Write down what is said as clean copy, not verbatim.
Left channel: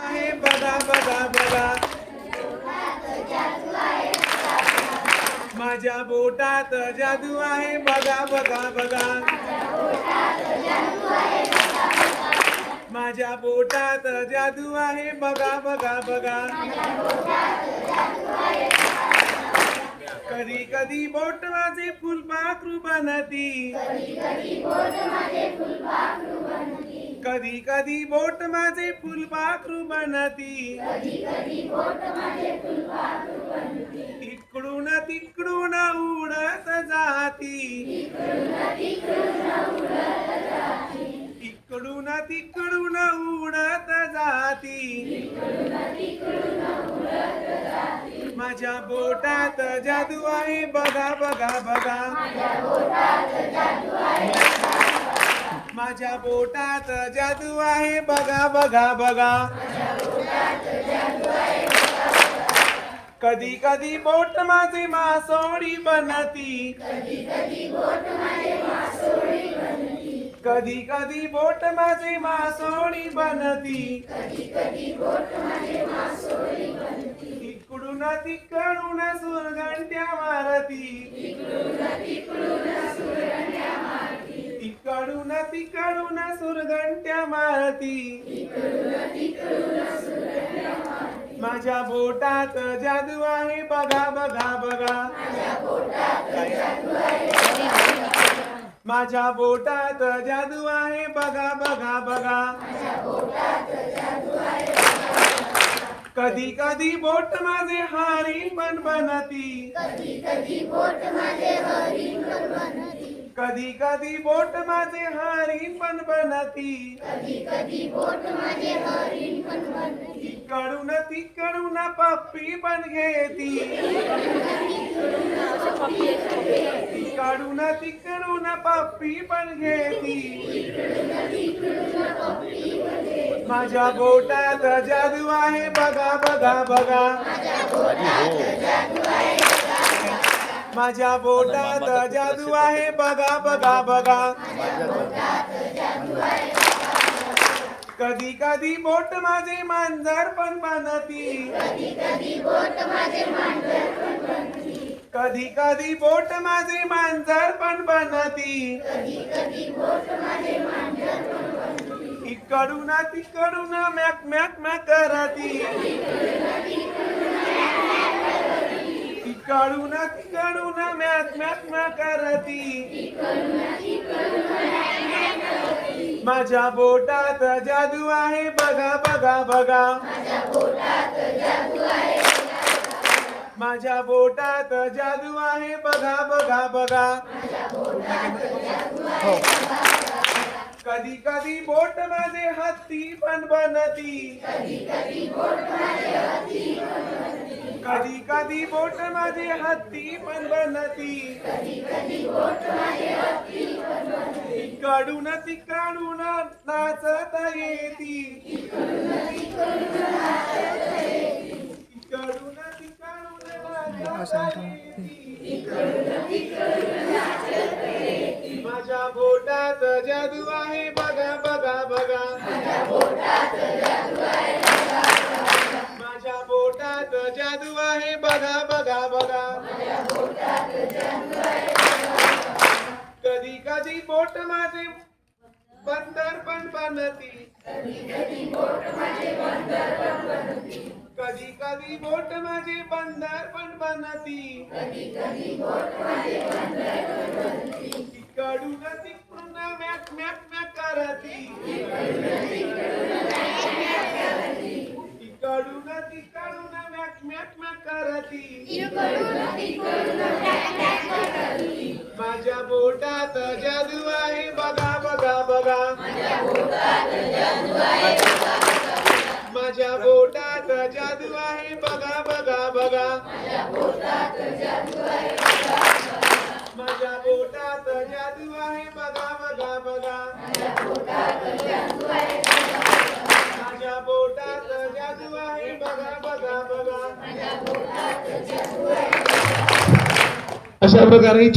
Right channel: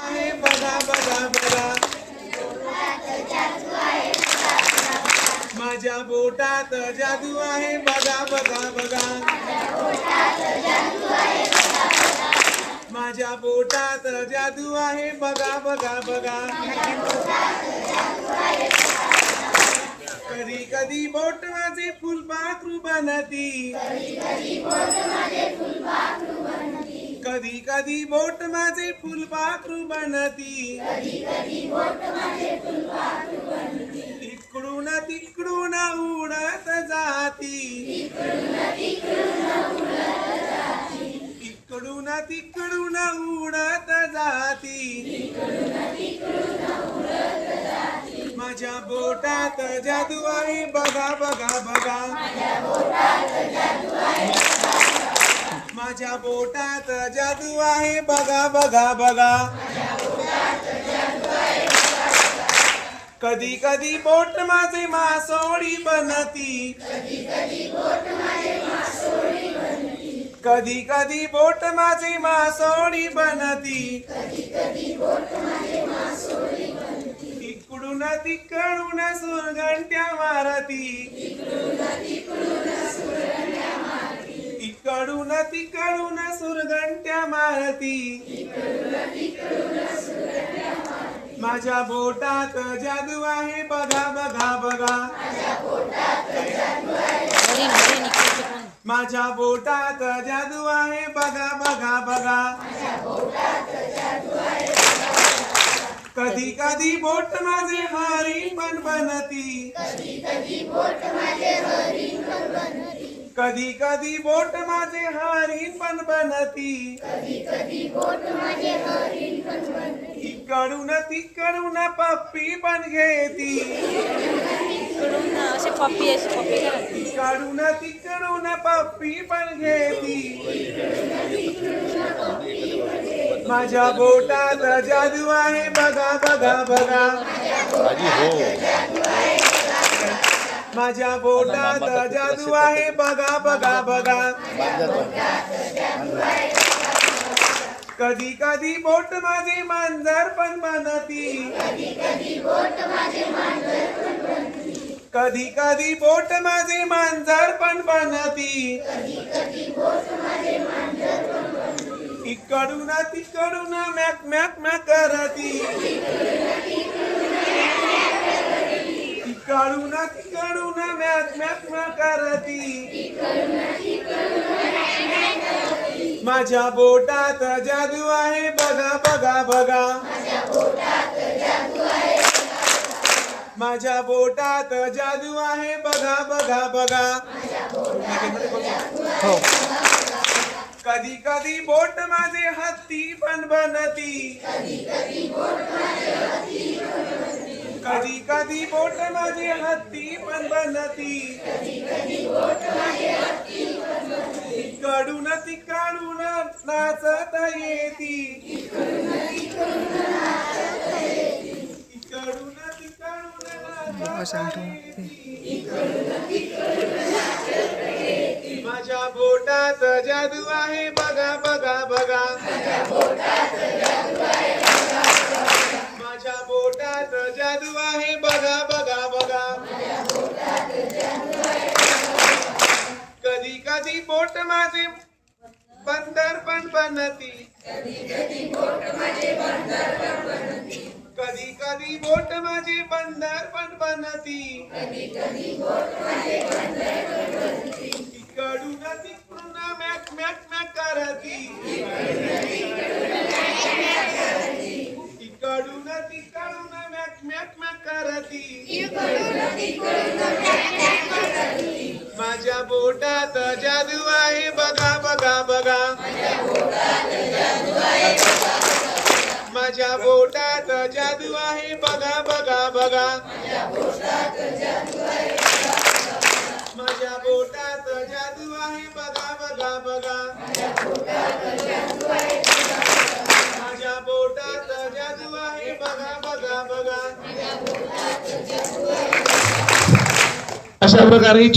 आहे बघा बघा बघा, माझ्या बोटात जादू आहे बघा बघा बघा, माझ्या बोटात जादू आहे बघा बघा बघा. कधी कधी बोट माझे फुलपाखरू बनती, कधी कधी बोट माझे फुलपाखरू बनती, इकडून तिकडून उडत जाती, इकडून तिकडून उडत जाती, माझ्या बोटात जादू आहे बघा बघा बघा, माझ्या बोटात जादू आहे बघा बघा बघा. कधी कधी बोट माझे मासोळी बनती, कधी कधी बोट माझे मासोळी बनती, इकडून तिकडून सुरगंट्या मारती, इकडून तिकडून सुरगंट्या मारती, माझ्या बोटात जादू आहे बघा बघा बघा, माझ्या बोटात जादू आहे बघा बघा बघा. कधी कधी बोट माझे हरिण पण बनती, कधी कधी बोट माझे हरिण पण बनती, इकडून तिकडून पप्पी पण घेती, इकडून तिकडून पप्पी पण घेती, माझ्या बोटात जादू आहे बघा बघा बघा, माझ्या बोटात जादू आहे बघा बघा बघा. कधी कधी बोट माझे मांजर पण बनती, कधी कधी बोट माझे मांजर पण बनती, इकडून तिकडून मॅक मॅक मॅक करती, इकडून तिकडून मॅक मॅक मॅक करती, माझ्या बोटात जादू आहे बघा बघा बघा, माझ्या बोटात जादू आहे बघा बघा बघा. कधी कधी बोट माझे हत्ती पण बनती, कधी कधी बोट माझे हत्ती पण बनती, इकडून तिकडून नाचत येती, इकडून तिकडून माझ्या बोटात जादू आहे बघा बघा बघा, माझ्या बोटात जादू आहे बघा बघा बघा. कधी कधी बोट माझे बंदर पण बनती, कधी कधी बोट माझे बंदर पण बनती, इकडून तिकडून मॅक मॅक मॅक करती, इकडून तिकडून मॅक मॅक मॅक करती, माझ्या बोटात जादू आहे बघा बघा बघा, माझ्या बोटात जादू आहे बघा बघा बघा, माझ्या बोटात जादू आहे बघा बघा बघा, माझ्या बोटात जादू आहे बघा बघा बघा. अशा प्रकारे